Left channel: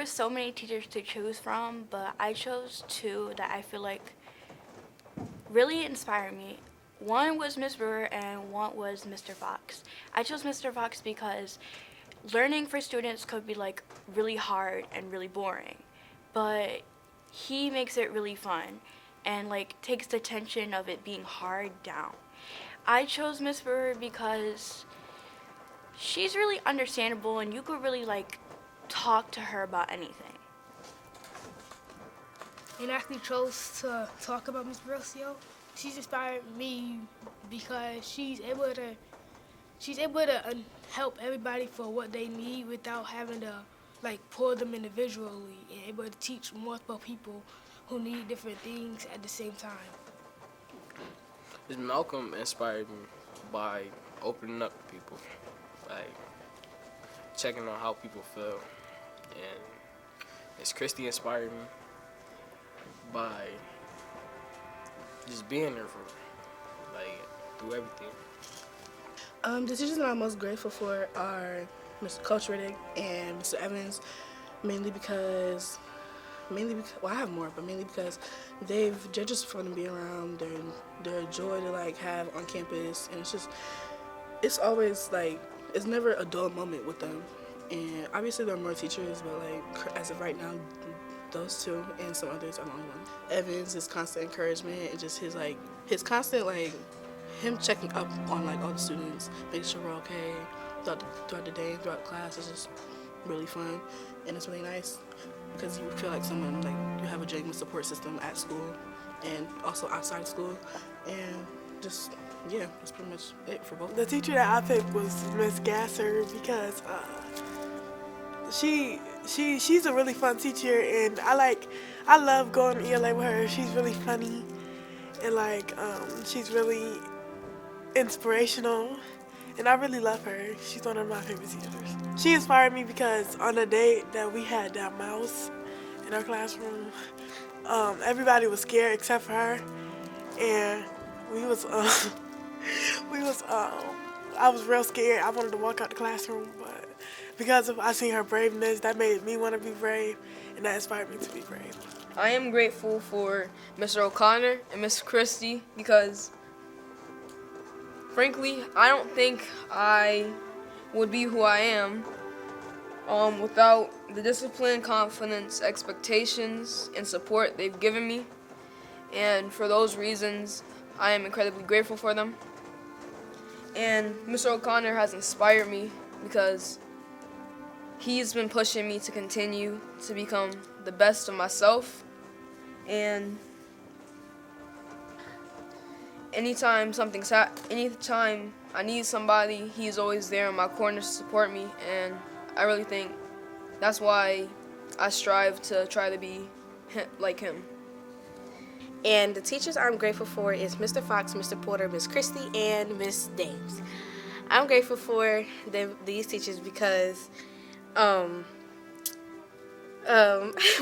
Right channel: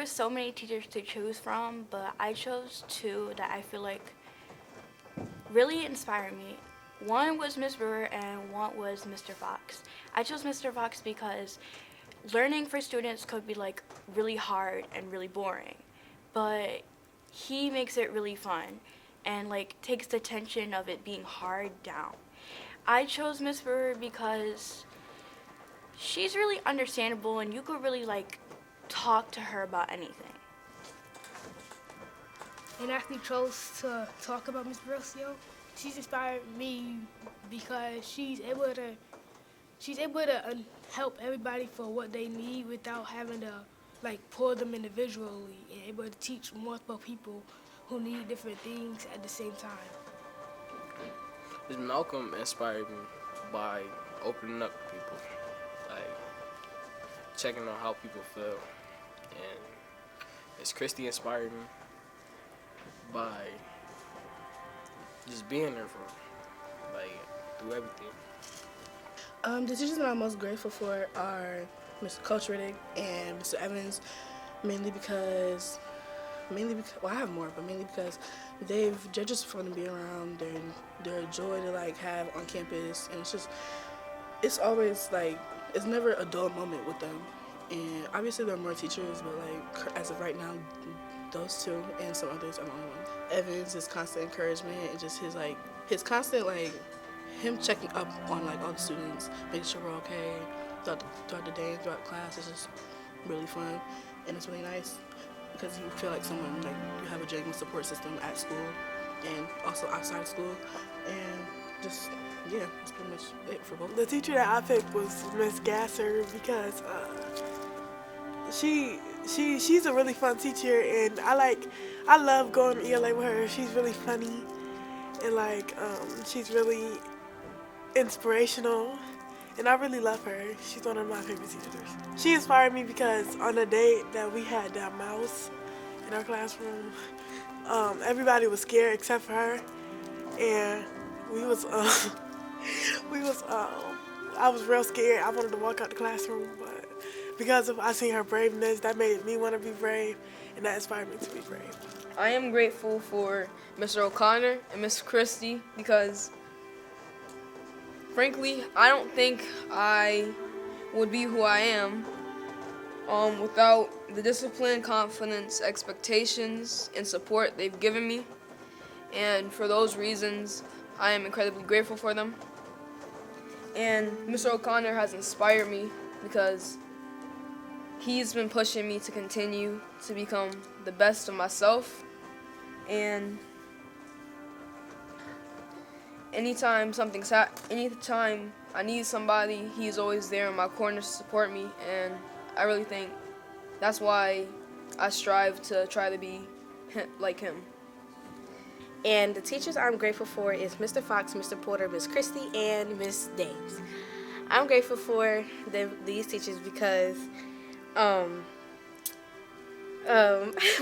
were so many teachers to choose from, but I chose two that I feel like really inspired me. One was Miss Brewer and one was Mr. Fox. I chose Mr. Fox because learning for students could be like really hard and really boring, but he makes it really fun and like takes the tension of it being hard down. I chose Miss Brewer because she's really understandable and you could really like talk to her about anything. And actually chose to talk about Miss Rocio. She's inspired me because she's able to help everybody for what they need without having to like pour them individually, and able to teach multiple people who need different things at the same time. Ms. Malcolm inspired me by opening up to people, like checking on how people feel. And Ms. Christie inspired me by just being there for me, like through everything. The teachers that I'm most grateful for are Mr. Coach Riddick and Mr. Evans, mainly because well, I have more, but mainly because they're just fun to be around and they're a joy to like have on campus, and it's always like it's never a dull moment with them. And obviously there are more teachers, but like as of right now, those two and some others are the only one. Evans, his constant encouragement and just his constant like him checking up on like all the students, making sure we're okay throughout the day, throughout class is just really fun, and it's really nice because you feel like someone like you have a genuine support system at school and also outside school, and just yeah, that's pretty much it for both. The teacher that I picked was Miss Gasser because she's a really fun teacher, and I love going to ELA with her. She's really funny, and like she's really inspirational, and I really love her. She's one of my favorite teachers. She inspired me because on the day that we had that mouse in our classroom, everybody was scared except for her, and we was I was real scared. I wanted to walk out the classroom, but because of I seen her braveness, that made me want to be brave, and that inspired me to be brave. I am grateful for Mr. O'Connor and Miss Christie because, frankly, I don't think I would be who I am without the discipline, confidence, expectations, and support they've given me. And for those reasons, I am incredibly grateful for them. And Mr. O'Connor has inspired me because he's been pushing me to continue to become the best of myself. And anytime I need somebody, he's always there in my corner to support me. And I really think that's why I strive to try to be like him. And the teachers I'm grateful for is Mr. Fox, Mr. Porter, Miss Christie, and Miss Dames. I'm grateful for these teachers because when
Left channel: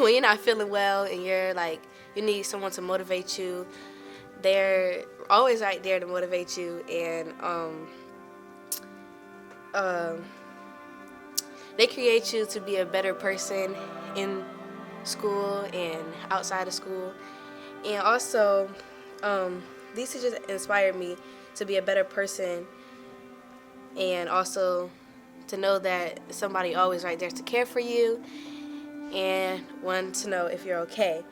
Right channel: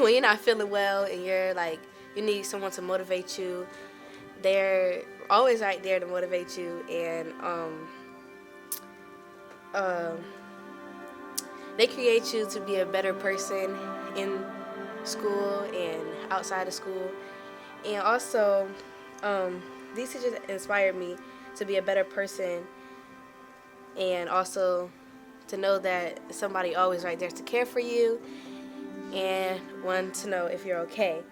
you're not feeling well and you need someone to motivate you, they're always right there to motivate you, and they create you to be a better person in school and outside of school. And also, these teachers inspired me to be a better person, and also to know that somebody always right there to care for you and want to know if you're okay.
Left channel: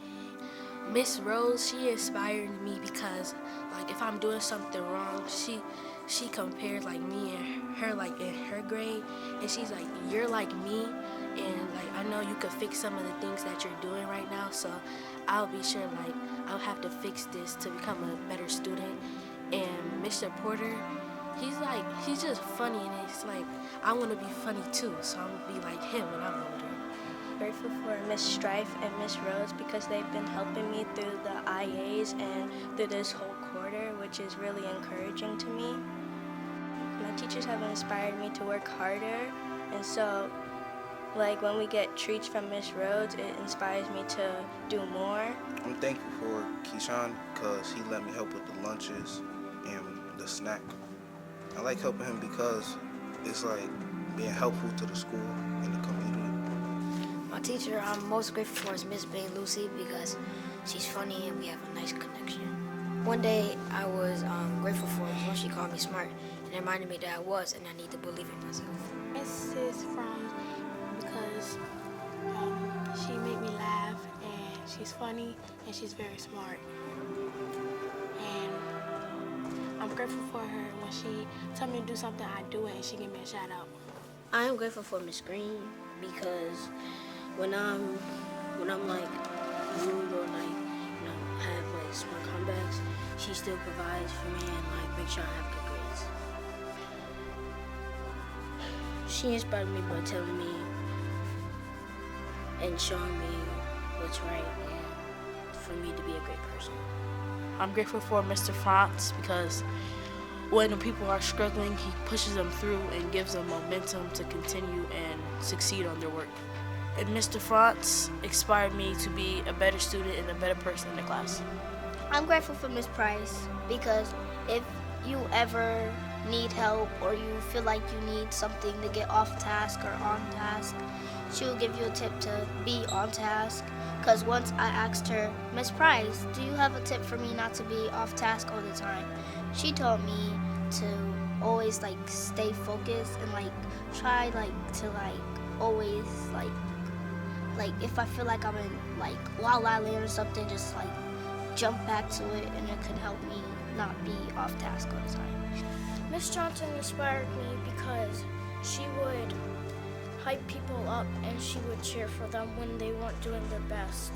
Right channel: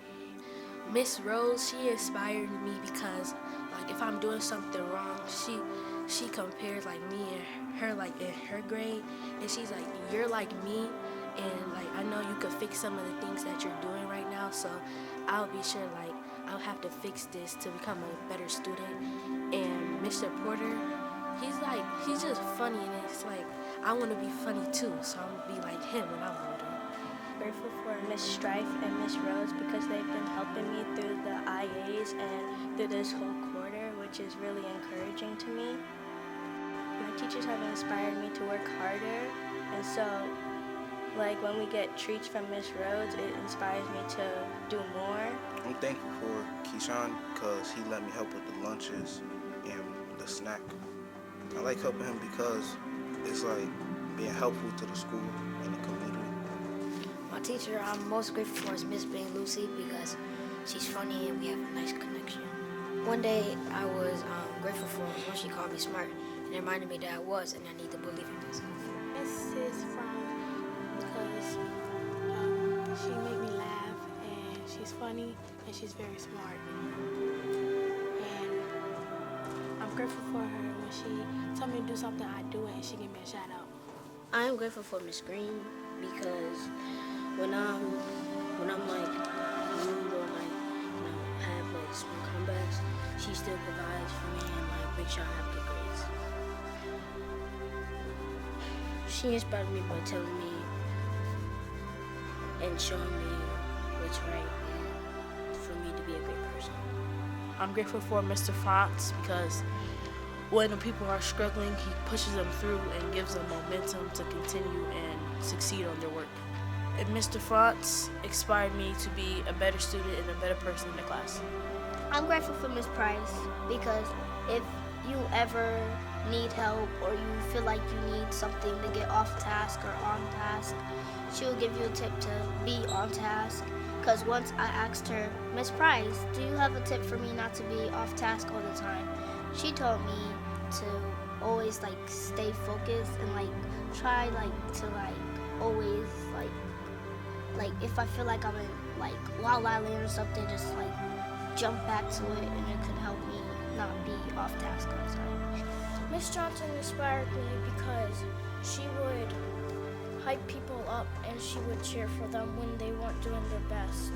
Miss Rose, she inspired me because, like, if I'm doing something wrong, she compares like me and her like in her grade, and she's like, you're like me, and like I know you could fix some of the things that you're doing right now, so I'll be sure like I'll have to fix this to become a better student. And Mr. Porter, he's just funny, and it's like I want to be funny too, so I'm gonna be like him when I'm older. Grateful for Miss Strife and Miss Rose because they've been helping me through the IAs and through this whole quarter, which is really encouraging to me. My teachers have inspired me to work harder, and so like when we get treats from Miss Rhodes, it inspires me to do more. I'm thankful for Keyshawn because he let me help with the lunches and the snack. I like helping him because it's like being helpful to the school and the community. My teacher I'm most grateful for is Miss Bain Lucy because she's funny and we have a nice connection. One day I was grateful for her when she called me smart and reminded me that I was and I need to believe in myself. Mrs. Frown because she made me laugh and she's funny and she's very smart. And I'm grateful for her when she tell me to do something, I do it and she give me a shout out. I am grateful for Miss Green because when I'm like rude or like have like small comebacks, she still provides for me and like makes sure I have good grades. She inspired me by telling me and showing me what's right and for me to be a great person. I'm grateful for Mr. Franz because when the people are struggling, he pushes them through and gives them momentum to continue and succeed on their work. And Mr. Franz inspired me to be a better student and a better person in the class. I'm grateful for Miss Price because if you ever need help or you feel like you need something to get off task or on task, she'll give you a tip to be on task. Because once I asked her, Miss Price, do you have a tip for me not to be off task all the time? She told me to always like stay focused and like try like to like always like if I feel like I'm in like la la land or something, just like jump back to it and it can help me not be off task all the time. Miss Johnson inspired me because she would hype people up and she would cheer for them when they weren't doing their best.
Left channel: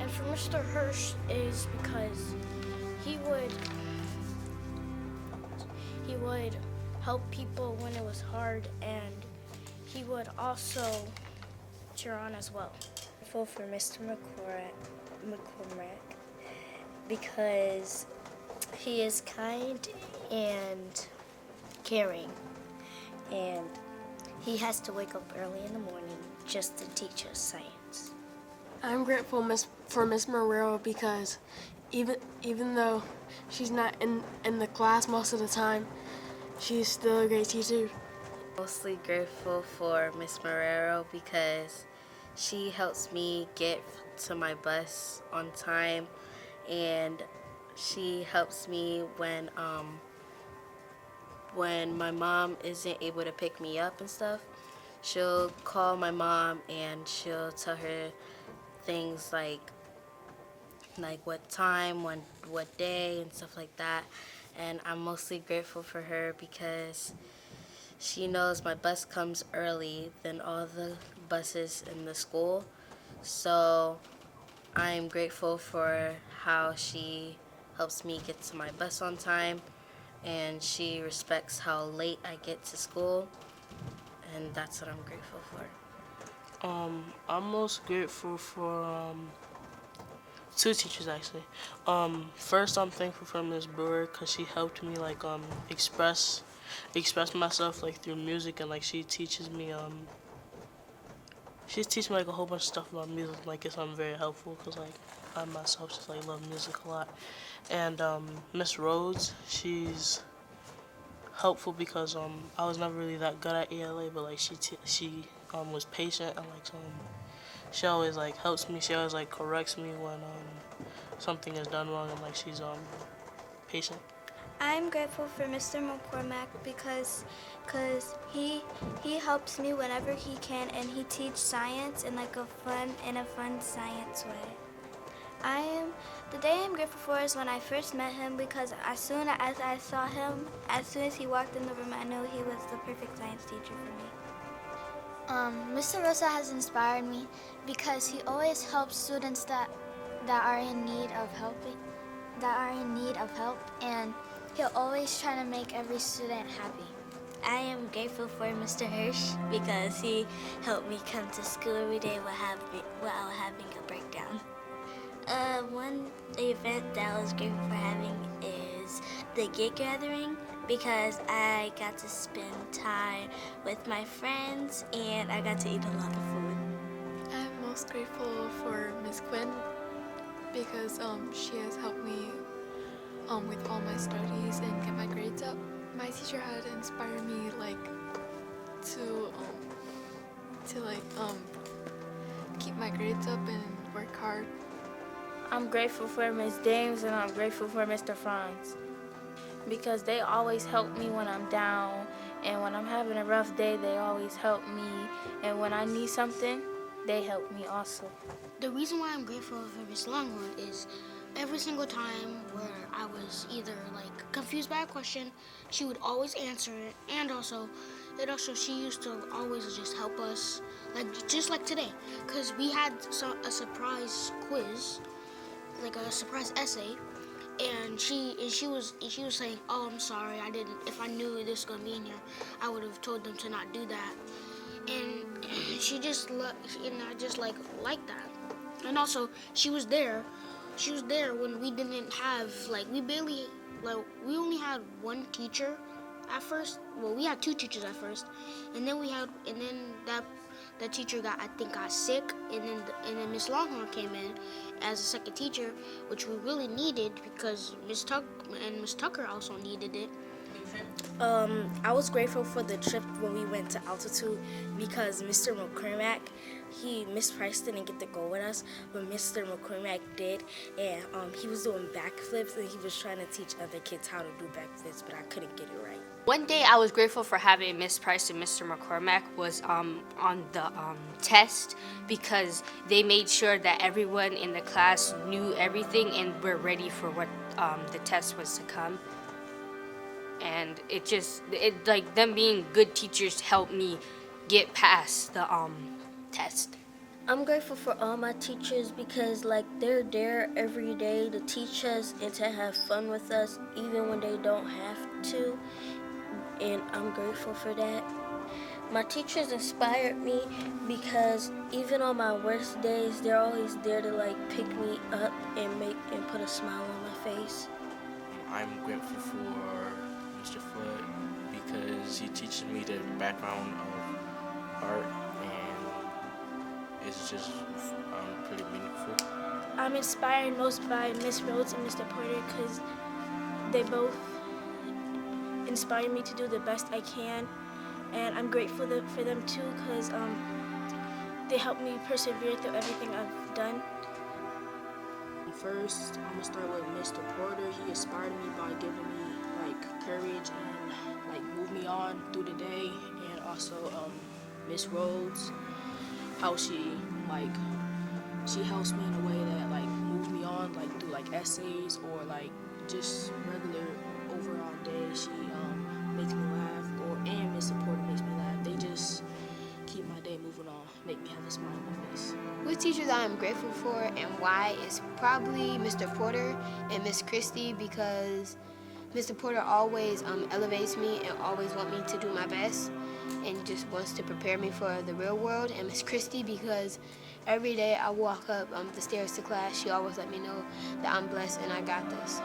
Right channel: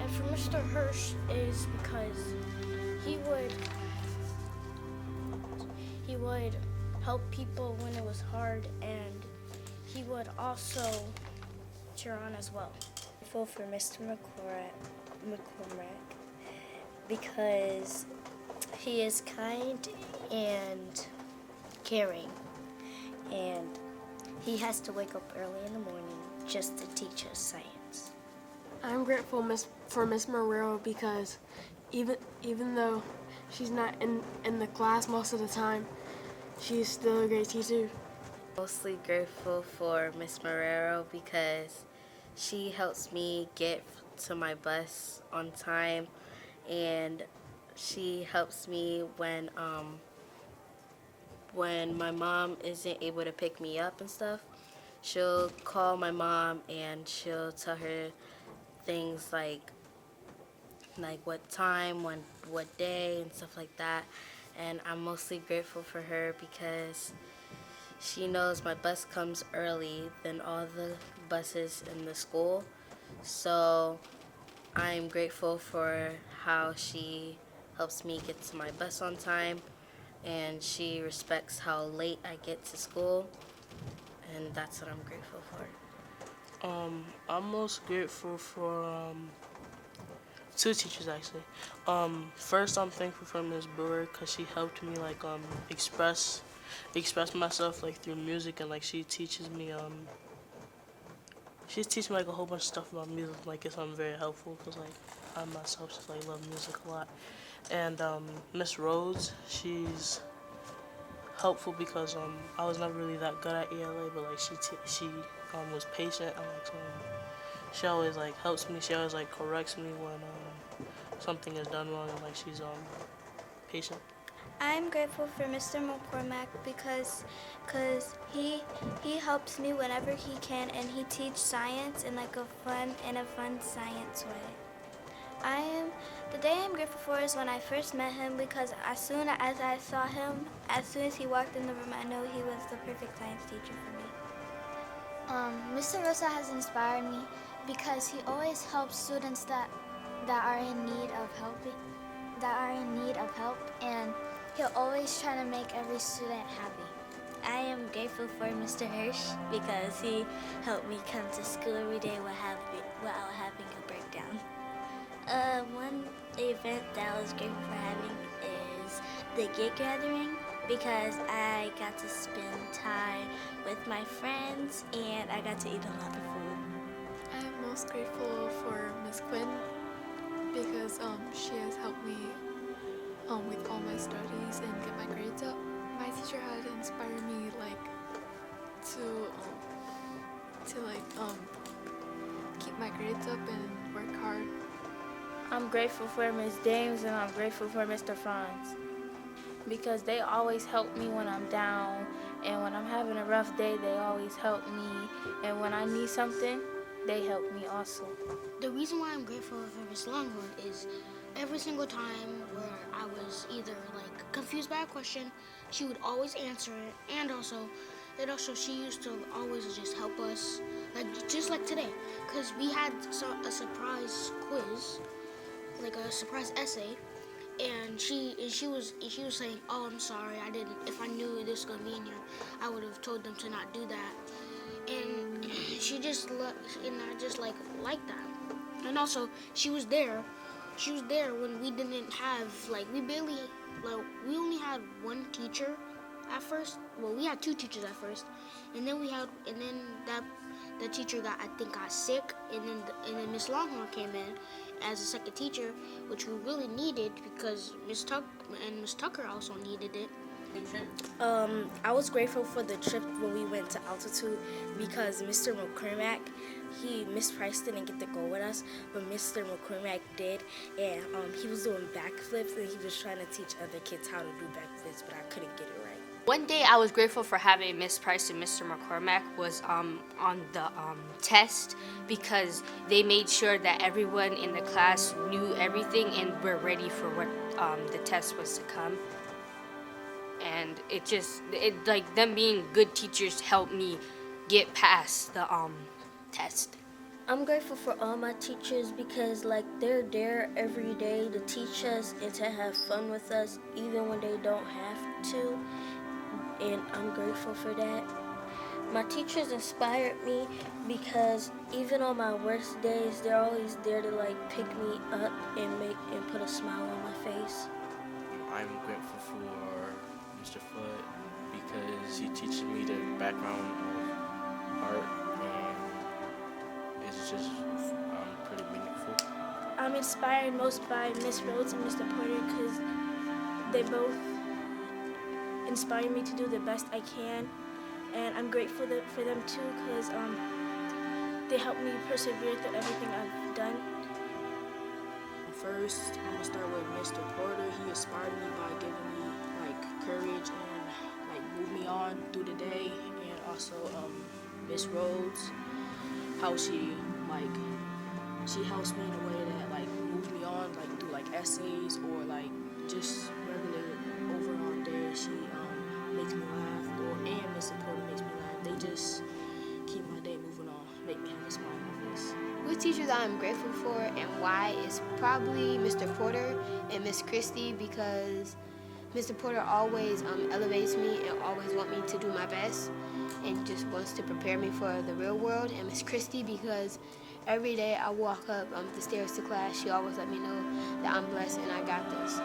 And for Mr. Hirsch is because he would help people when it was hard and he would also cheer on as well. Grateful for Mr. McCormack because he is kind and caring, and he has to wake up early in the morning just to teach us science. I'm grateful for Miss Morero because even though she's not in the class most of the time, she's still a great teacher. Mostly grateful for Miss Marrero because she helps me get to my bus on time, and she helps me when my mom isn't able to pick me up and stuff. She'll call my mom and she'll tell her things like what time, what day, and stuff like that. And I'm mostly grateful for her because she knows my bus comes early than all the buses in the school. So I'm grateful for how she helps me get to my bus on time, and she respects how late I get to school, and that's what I'm grateful for. I'm most grateful for two teachers actually. First, I'm thankful for Miss Brewer because she helped me like express myself like through music, and like she teaches me like a whole bunch of stuff about music. Like it's very helpful because like I myself just like love music a lot. And Miss Rhodes, she's helpful because I was never really that good at ELA, but like she was patient and like she always like helps me. She always like corrects me when something is done wrong, and like she's patient. I'm grateful for Mr. McCormack because he helps me whenever he can, and he teaches science in like a fun science way. The day I'm grateful for is when I first met him because as soon as I saw him, as soon as he walked in the room, I knew he was the perfect science teacher for me. Mr. Rosa has inspired me because he always helps students that are in need of help, and he'll always try to make every student happy. I am grateful for Mr. Hirsch because he helped me come to school every day without having a breakdown. One event that I was grateful for having is the Get Gathering because I got to spend time with my friends and I got to eat a lot of food. I'm most grateful for Miss Quinn because she has helped me with all my studies and get my grades up. My teacher had inspired me like to grades up and work hard. I'm grateful for Miss Dames and I'm grateful for Mr. Franz because they always help me when I'm down, and when I'm having a rough day, they always help me, and when I need something, they help me also. The reason why I'm grateful for Miss Longhorn is every single time where I was either like confused by a question, she would always answer it, and also she used to always just help us, like just like today, because we had a surprise quiz, like a surprise essay, and she was saying, "Oh, I'm sorry, I didn't. If I knew this was gonna be in here, I would have told them to not do that." And she just and I just like that. And also, she was there. She was there when we didn't have we only had one teacher at first. Well, we had two teachers at first, and then that teacher got sick, and then Miss Longhorn came in as a second teacher, which we really needed because Miss Tucker also needed it. I was grateful for the trip when we went to altitude because Mr. McCormack, Miss Price didn't get to go with us, but Mr. McCormack did, and he was doing backflips and he was trying to teach other kids how to do backflips, but I couldn't get it right. One day I was grateful for having Miss Price and Mr. McCormack was on the test because they made sure that everyone in the class knew everything and were ready for what the test was to come. And it like them being good teachers helped me get past the test. I'm grateful for all my teachers because they're there every day to teach us and to have fun with us even when they don't have to, and I'm grateful for that. My teachers inspired me because even on my worst days, they're always there to pick me up and put a smile on my face. I'm grateful for Mr. Flood because he teaches me the background of art, and it's just pretty meaningful. I'm inspired most by Miss Rhodes and Mr. Porter because they both inspire me to do the best I can, and I'm grateful for them too because they help me persevere through everything I've done. First, I'm gonna start with Mr. Porter. He inspired me by giving me courage and move me on through the day, and also Miss Rhodes, how she helps me in a way that moves me on through essays or just regular overall day. She makes me laugh, and Mr. Porter makes me laugh. They just keep my day moving on, make me have a smile on my face. Which teachers I'm grateful for and why is probably Mr. Porter and Miss Christie because Mr. Porter always elevates me and always want me to do my best and just wants to prepare me for the real world, and Miss Christie because every day I walk up the stairs to class, she always let me know that I'm blessed and I got this.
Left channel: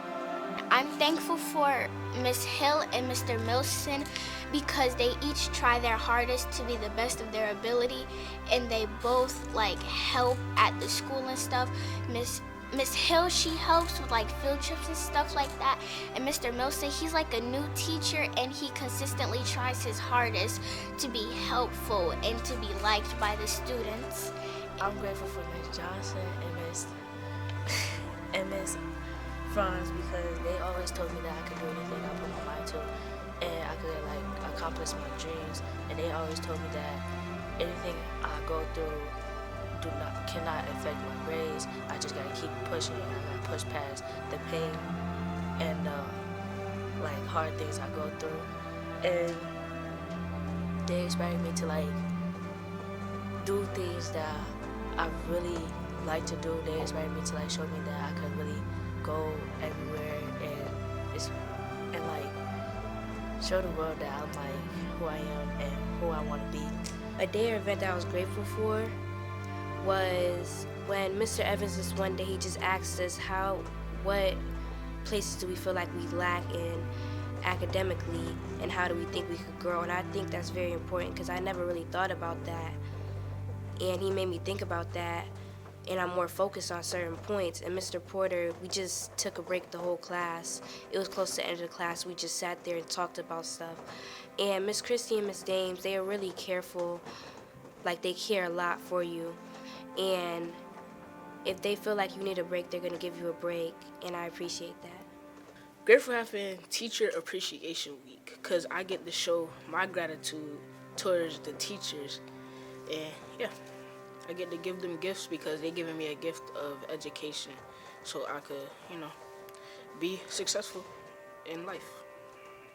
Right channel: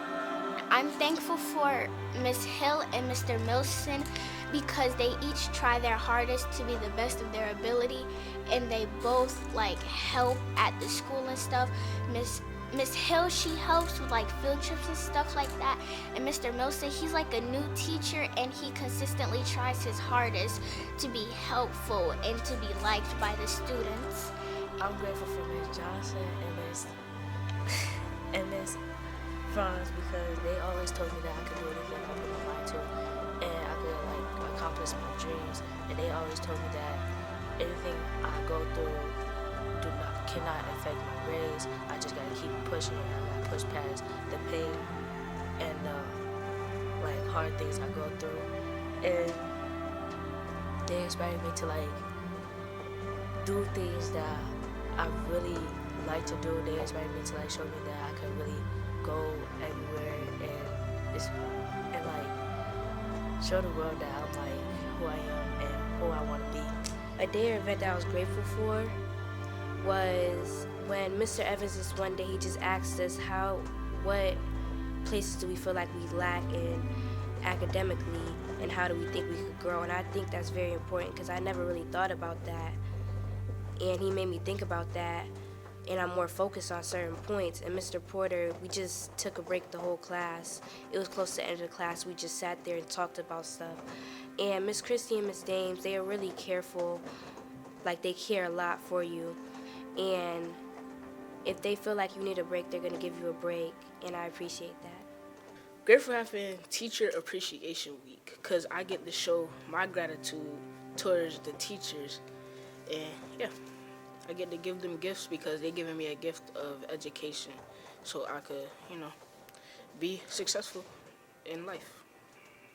I'm thankful for Miss Hill and Mr. Milson because they each try their hardest to be the best of their ability, and they both help at the school and stuff. Miss Hill, she helps with field trips and stuff like that, and Mr. Milson, he's a new teacher and he consistently tries his hardest to be helpful and to be liked by the students. I'm grateful for Miss Johnson and Miss Franz because they always told me that I could do anything I put my mind to, and I could accomplish my dreams. And they always told me that anything I go through cannot affect my grades. I just gotta keep pushing and I gotta push past the pain and the hard things I go through. And they inspired me to do things that I really like to do. They inspired me to show me that I could really go everywhere and show the world that I'm who I am and who I want to be. A day or event that I was grateful for was when Mr. Evans this one day he just asked us what places do we feel like we lack in academically and how do we think we could grow, and I think that's very important because I never really thought about that, and he made me think about that, and I'm more focused on certain points. And Mr. Porter, we just took a break the whole class. It was close to the end of the class. We just sat there and talked about stuff. And Miss Christie and Miss Dames, they are really careful. They care a lot for you. And if they feel like you need a break, they're going to give you a break, and I appreciate that. Grateful having Teacher Appreciation Week because I get to show my gratitude towards the teachers. And yeah, I get to give them gifts because they're giving me a gift of education so I could, be successful in life.